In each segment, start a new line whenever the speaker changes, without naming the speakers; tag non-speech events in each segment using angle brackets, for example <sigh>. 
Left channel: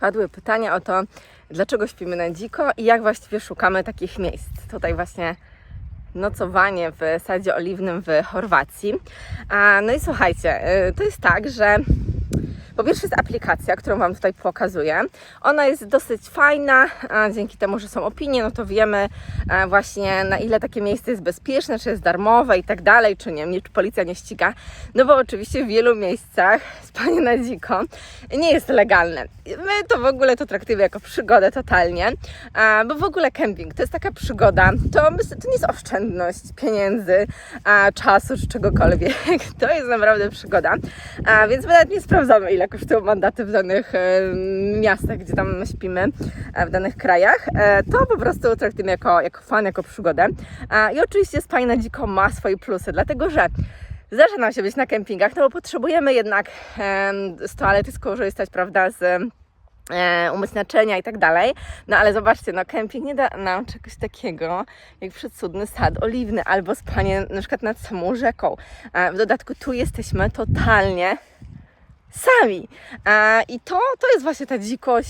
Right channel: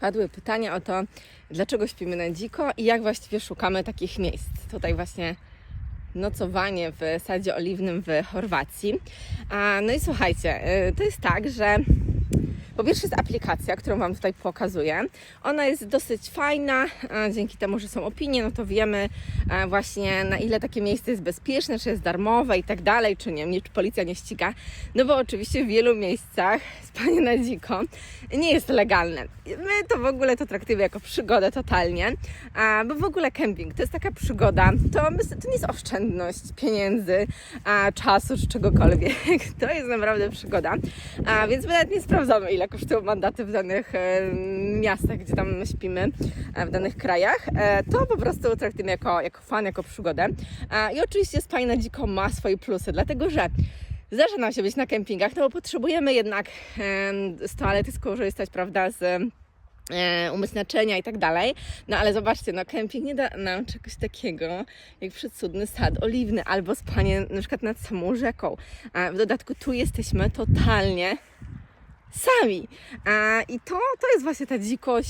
Padły pytania o to, dlaczego śpimy na dziko i jak właściwie szukamy takich miejsc. Tutaj właśnie nocowanie w sadzie oliwnym w Chorwacji. No i słuchajcie, y, to jest tak, że po pierwsze jest aplikacja, którą Wam tutaj pokazuję. Ona jest dosyć fajna, dzięki temu, że są opinie, no to wiemy e, właśnie na ile takie miejsce jest bezpieczne, czy jest darmowe i tak dalej, czy nie, czy policja nie ściga. No bo oczywiście w wielu miejscach <laughs> spanie na dziko nie jest legalne. My to w ogóle to traktujemy jako przygodę totalnie, a, bo w ogóle kemping to jest taka przygoda, to, to nie jest oszczędność pieniędzy, a, czasu czy czegokolwiek. <laughs> To jest naprawdę przygoda. Więc my nawet nie sprawdzamy, ile kosztują mandaty w danych e, miastach, gdzie tam śpimy, e, w danych krajach. E, to po prostu traktujemy jako, jako fan, jako przygodę. I oczywiście spanie na dziko ma swoje plusy, dlatego że zdarza nam się być na kempingach, no bo potrzebujemy jednak z toalety skorzystać, prawda, z umyć naczynia i tak dalej. No ale zobaczcie, no kemping nie da nam czegoś takiego jak przecudny sad oliwny albo spanie na przykład nad samą rzeką. W dodatku tu jesteśmy totalnie sami. E, I to, to jest właśnie ta dzikość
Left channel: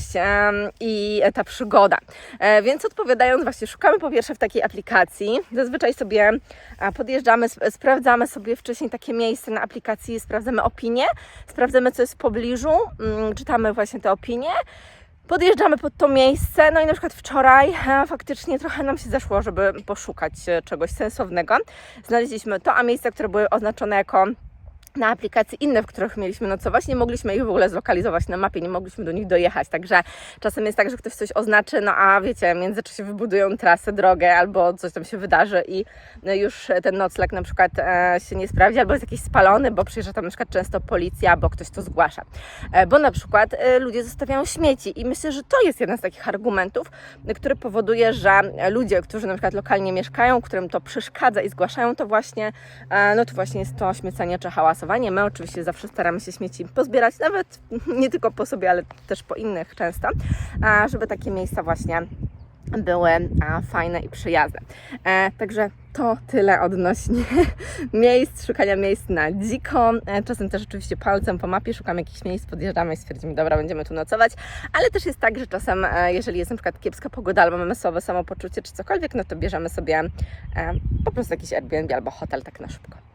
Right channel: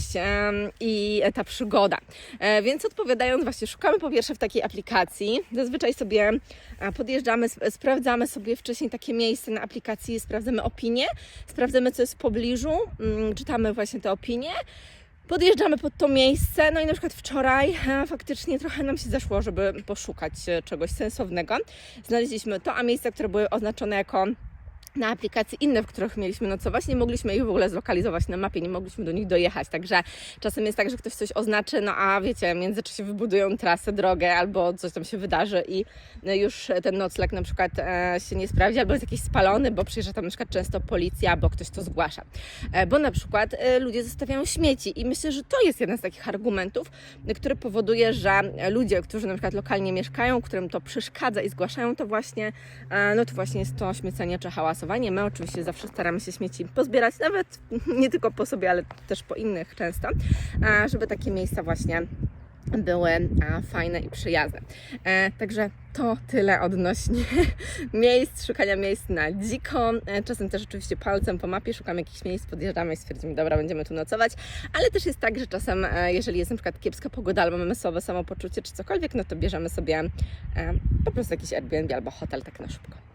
i ta przygoda. E, Więc odpowiadając, właśnie szukamy po pierwsze w takiej aplikacji. Zazwyczaj sobie e, podjeżdżamy, sp- sprawdzamy sobie wcześniej takie miejsce na aplikacji, sprawdzamy opinie, sprawdzamy co jest w pobliżu, mm, czytamy właśnie te opinie. Podjeżdżamy pod to miejsce, no i na przykład wczoraj faktycznie trochę nam się zeszło, żeby poszukać czegoś sensownego. Znaleźliśmy to, a miejsca, które były oznaczone jako na aplikacji inne, w których mieliśmy nocować, nie mogliśmy ich w ogóle zlokalizować na mapie, nie mogliśmy do nich dojechać, także czasem jest tak, że ktoś coś oznaczy, no a wiecie, w międzyczasie wybudują trasę, drogę albo coś tam się wydarzy i no, już ten nocleg na przykład e, się nie sprawdzi, albo jest jakiś spalony, bo przyjeżdża tam na przykład często policja, bo ktoś to zgłasza. E, bo na przykład e, ludzie zostawiają śmieci i myślę, że to jest jeden z takich argumentów, który powoduje, że ludzie, którzy na przykład lokalnie mieszkają, którym to przeszkadza i zgłaszają to właśnie, no to właśnie jest to śmiecenie czy My oczywiście zawsze staramy się śmieci pozbierać, nawet nie tylko po sobie, ale też po innych często, żeby takie miejsca właśnie były fajne i przyjazne. E, także to tyle odnośnie <laughs> miejsc, szukania miejsc na dziko. E, czasem też oczywiście palcem po mapie szukamy jakichś miejsc, podjeżdżamy i stwierdzimy, dobra, będziemy tu nocować, ale też jest tak, że czasem, e, jeżeli jest na przykład kiepska pogoda albo mamy słabe samopoczucie czy cokolwiek, no to bierzemy sobie po prostu jakiś Airbnb albo hotel tak na szybko.